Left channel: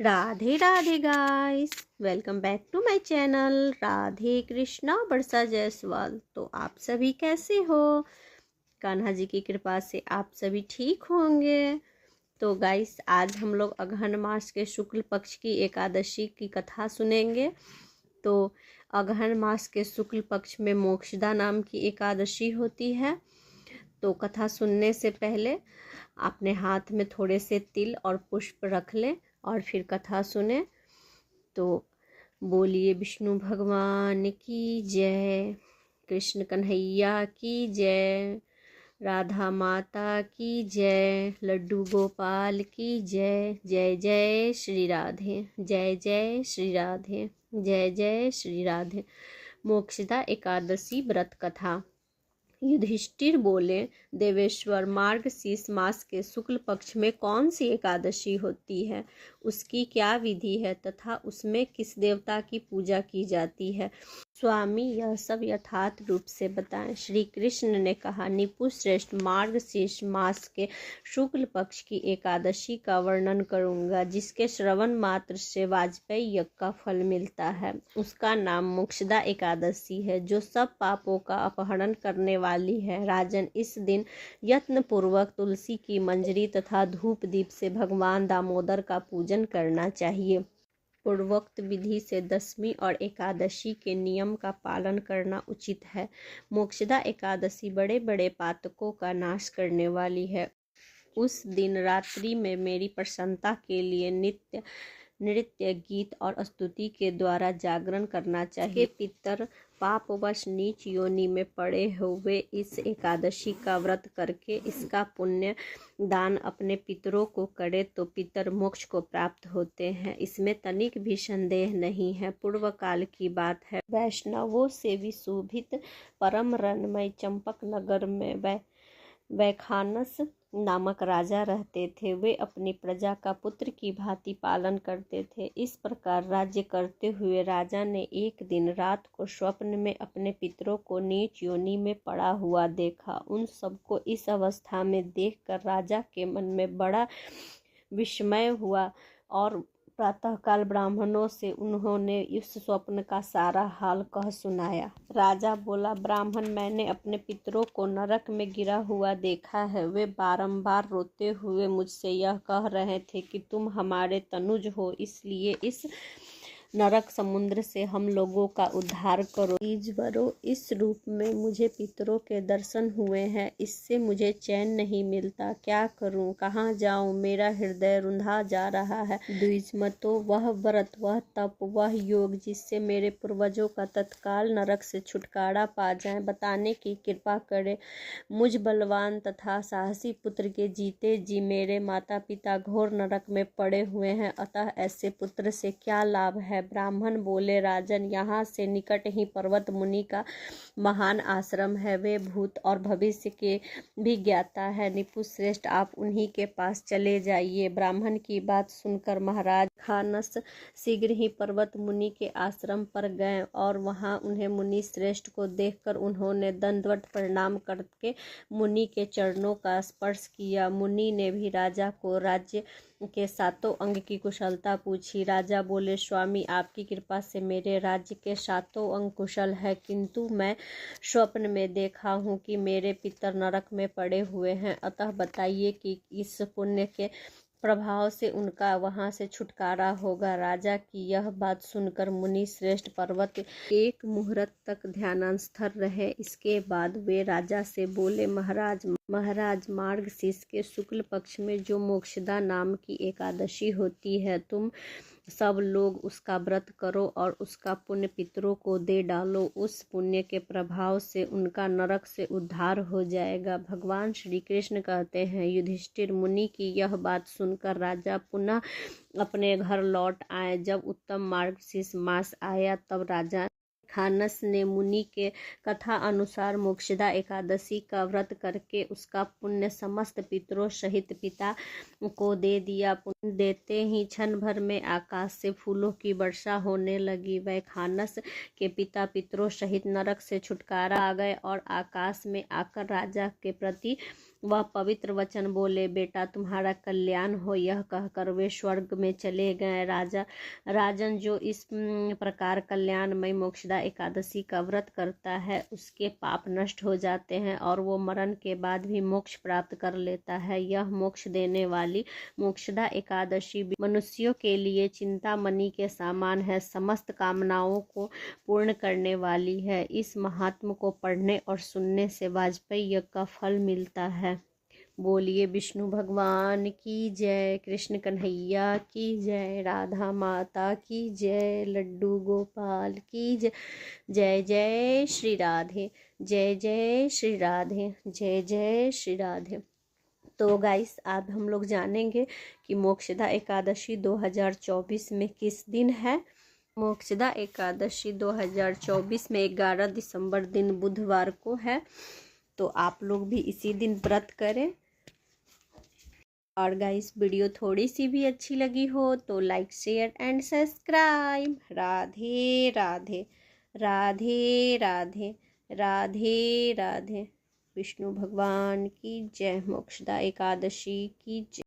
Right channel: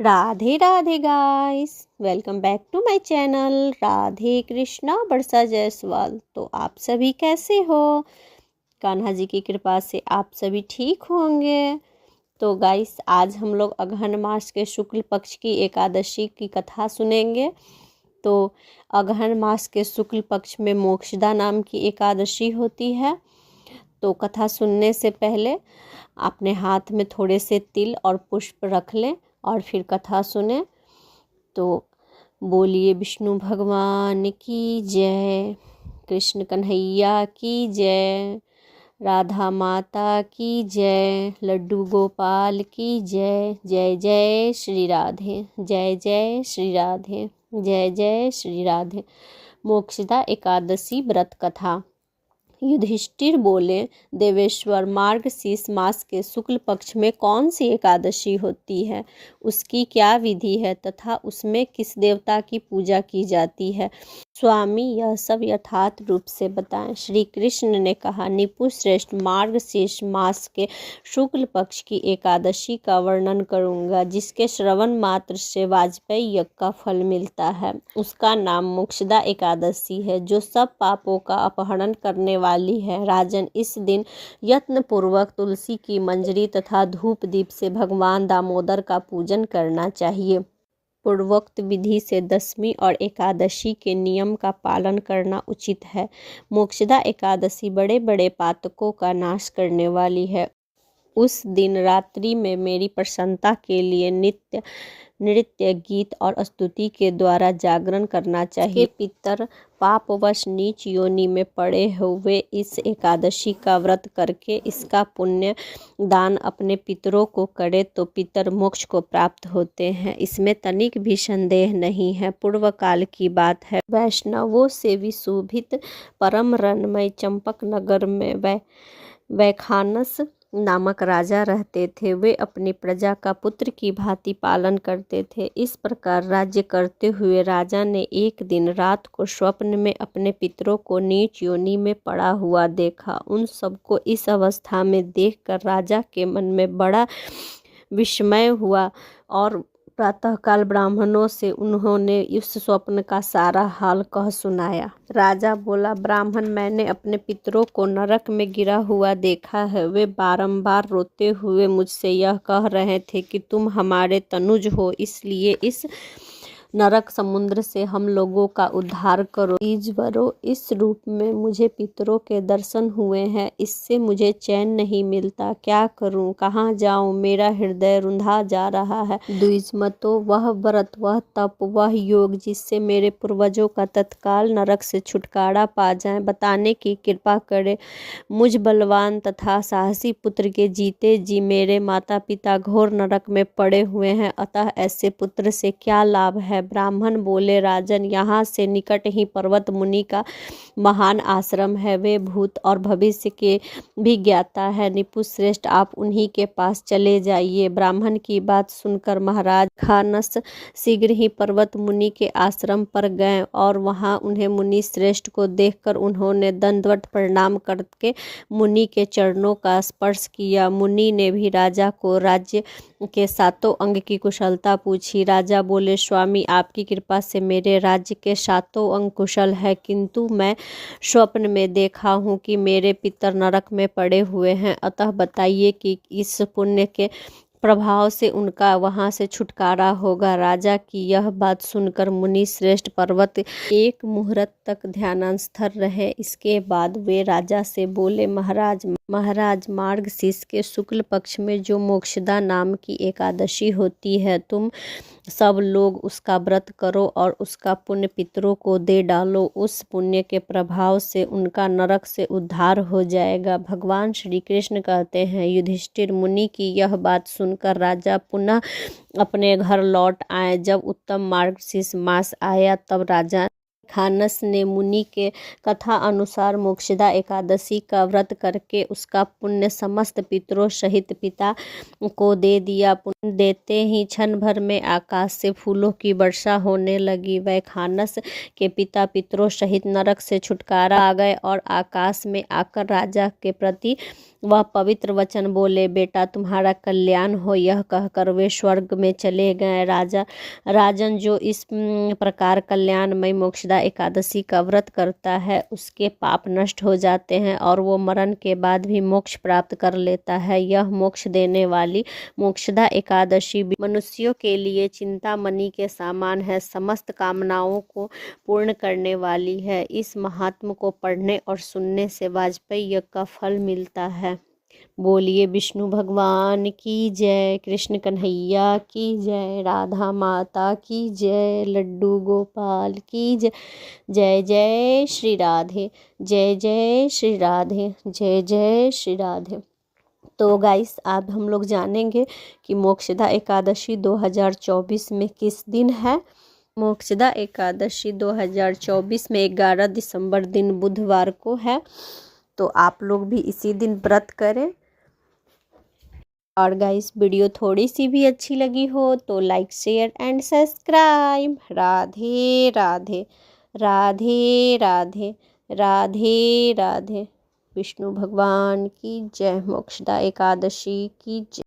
Radhe Radhe guys, welcome back to my channel Radhe Krishna Barsa Jaiswal. तो आप सभी कैसे हो? कान्हा जी की कृपा से आप सभी ठीक होंगे। तो गाइस, आज हम लोग अगहन मास के शुक्ल पक्ष की एकादशी की कथा सुनेंगे। तो अगहन मास के शुक्ल पक्ष में मोक्षदा नाम की एकादशी होती है। तो कथा सुनने से पहले अपने हाथ में थोड़े से तिल और पुष्प रख लें और फिर कथा सुने। तो बोलिए विष्णु भगवान की जय, कृष्ण कन्हैया की जय, राधा माता की जय, लड्डू गोपाल की जय। जय जय श्री राधे, जय जय श्री राधे, जय जय श्री राधे। मोक्षदा एकादशी व्रत कथा। युधिष्ठिर बोले, देवेश्वर, मार्गशीर्ष मास के शुक्ल पक्ष में कौन सी एकादशी होती है, उसकी क्या विधि है तथा उसमें किस देवता की पूजा की जाती है? स्वामी, यह सब यथार्थ रूप से बताएं। श्री कृष्ण ने कहा, निपु श्रेष्ठ, मार्गशीर्ष मास के शुक्ल पक्ष की एकादशी का वर्णन करूंगा, जिसके श्रवण मात्र से वाजपेयी यज्ञ का फल मिलता है। उसका नाम मोक्षदा एकादशी है, जो सब पापों का अपहरण करने वाली है। राजन, इस दिन यत्न पूर्वक तुलसी की मंजरी तथा धूप दीप से भगवान दामोदर का पूजन करना चाहिए। पूर्वोक्त विधि से दशमी और एकादशी के नियम का पालन करना उचित है। मोक्षदा एकादशी बड़े बड़े पातकों का नाश करने वाली है। उस दिन रात्रि में मेरी प्रसन्नता के लिए नित्य नृत्य, गीत और स्तुति के द्वारा जागरण करना चाहिए। पितर पापवश नीच योनि में पड़े हुए इस एकादशी का व्रत करके इसका पुण्य दान अपने पितरों को करे तो पितर मोक्ष को प्राप्त होते हैं। इसमें तनिक भी संदेह नहीं है। पूर्व काल की बात है। वैष्णवों से विशोभित परम रमणीय चंपक नगर में वैखानस नामक राजा रहते थे। वे अपनी प्रजा का पुत्र की भांति पालन करते थे। इस प्रकार राज्य करते हुए राजा ने एक दिन रात को स्वप्न में अपने पितरों को नीच योनि में पड़ा हुआ देखा। उन सबको इस अवस्था में देखकर राजा के मन में बड़ा विस्मय हुआ और प्रातःकाल ब्राह्मणों से उन्होंने इस स्वप्न का सारा हाल कह सुनाया। राजा बोला, ब्राह्मण, मैंने अपने पितरों को नरक में गिरा हुआ देखा है। वे बारंबार रोते हुए मुझसे यह कह रहे थे कि तुम हमारे तनुज हो, इसलिए इस नरक समुद्र से हम लोगों का उद्धार करो। ईश्वरो, इस रूप में मुझे पितरों के दर्शन हुए हैं, इससे मुझे चैन नहीं मिलता। क्या करूं, कहाँ जाऊं? मेरा हृदय रुंधा जा रहा है। द्विजमतो, वह व्रत, वह तप, वह योग जिससे मेरे पूर्वजों का तत्काल नरक से छुटकारा पा जाए, बताने की कृपा करे। मुझ बलवान तथा साहसी पुत्र के जीते जी मेरे माता पिता घोर नरक में पड़े हुए हैं, अतः ऐसे पुत्र से क्या लाभ है? ब्राह्मण बोले, राजन, यहाँ से निकट ही पर्वत मुनि का महान आश्रम है। वे भूत और भविष्य के भी ज्ञाता है। निपु श्रेष्ठ, आप उन्हीं के पास चले जाइए। ब्राह्मण की बात सुनकर महाराज खानस शीघ्र ही पर्वत मुनि के आश्रम पर गए और वहां उन्हें मुनि श्रेष्ठ को देखकर उन्होंने दंडवत प्रणाम करके मुनि के चरणों का स्पर्श किया। मुनि ने भी राजा को राज्य के सातों अंग की कुशलता पूछी। राजा बोले, स्वामी, आपकी कृपा से मेरे राज्य के सातों अंग कुशल है, किंतु मैं स्वप्न में देखा हूँ कि मेरे पितर नरक में पड़े हुए हैं। अतः बताइए कि इस पुण्य के प्रभाव से उनका वहां से छुटकारा होगा। राजा की यह बात सुनकर मुनि श्रेष्ठ पर्वत एक मुहूर्त तक ध्यानस्थ रहे। इसके बाद वे राजा से बोले, महाराज, मार्गशीर्ष के शुक्ल पक्ष में जो मोक्षदा नाम की एकादशी होती है, तुम सब लोग उसका व्रत करो और उसका पुण्य पितरों को दे डालो। उस पुण्य के प्रभाव से उनका नरक से उद्धार हो जाएगा। भगवान श्री कृष्ण कहते हैं, युधिष्ठिर मुनि की यह बात सुनकर राजा पुनः अपने घर लौट आए। जब उत्तम मार्गशीर्ष मास आया तब राजा खानस ने मुनि के कथा अनुसार मोक्षदा एकादशी का व्रत करके उसका पुण्य समस्त पितरों सहित पिता को दे दिया। पुण्य देते ही क्षण भर में आकाश से फूलों की वर्षा होने लगी। वह खानस के पिता पितरों सहित नरक से छुटकारा आ गए और आकाश में आकर राजा के प्रति वह पवित्र वचन बोले, बेटा तुम्हारा कल्याण हो। यह कहकर वे स्वर्ग में चले गए। राजन जो इस प्रकार कल्याणमय मोक्षदा एकादशी का व्रत करता है उसके पाप नष्ट हो जाते हैं और वो मरण के बाद भी मोक्ष प्राप्त कर लेता है। यह मोक्ष देने वाली मोक्षदा एकादशी मनुष्यों के लिए चिंतामणि के समान है, समस्त कामनाओं को पूर्ण करने वाली है। इस महात्म को पढ़ने और सुनने से वाजपेयी यज्ञ का फल मिलता है। बोलिए विष्णु भगवान की जय, कृष्ण कन्हैया की जय, राधा माता की जय, लड्डू गोपाल की जय। जय जय श्री राधे, जय जय श्री राधे, जय जय श्री राधे। तो गाइस अब हम लोग जानेंगे कि मोक्षदा एकादशी 2024 में किस दिन है। मोक्षदा एकादशी 2024 में 11 दिसंबर दिन बुधवार को है। तो आप लोग भी इसी दिन व्रत करें। और गाइस वीडियो थोड़ी सी भी अच्छी लगी हो तो like share and subscribe. Radhe Radhe, Radhe Radhe, Radhe Radhe. Vishnu भगवान की जय, मोक्षदा एकादशी की जय।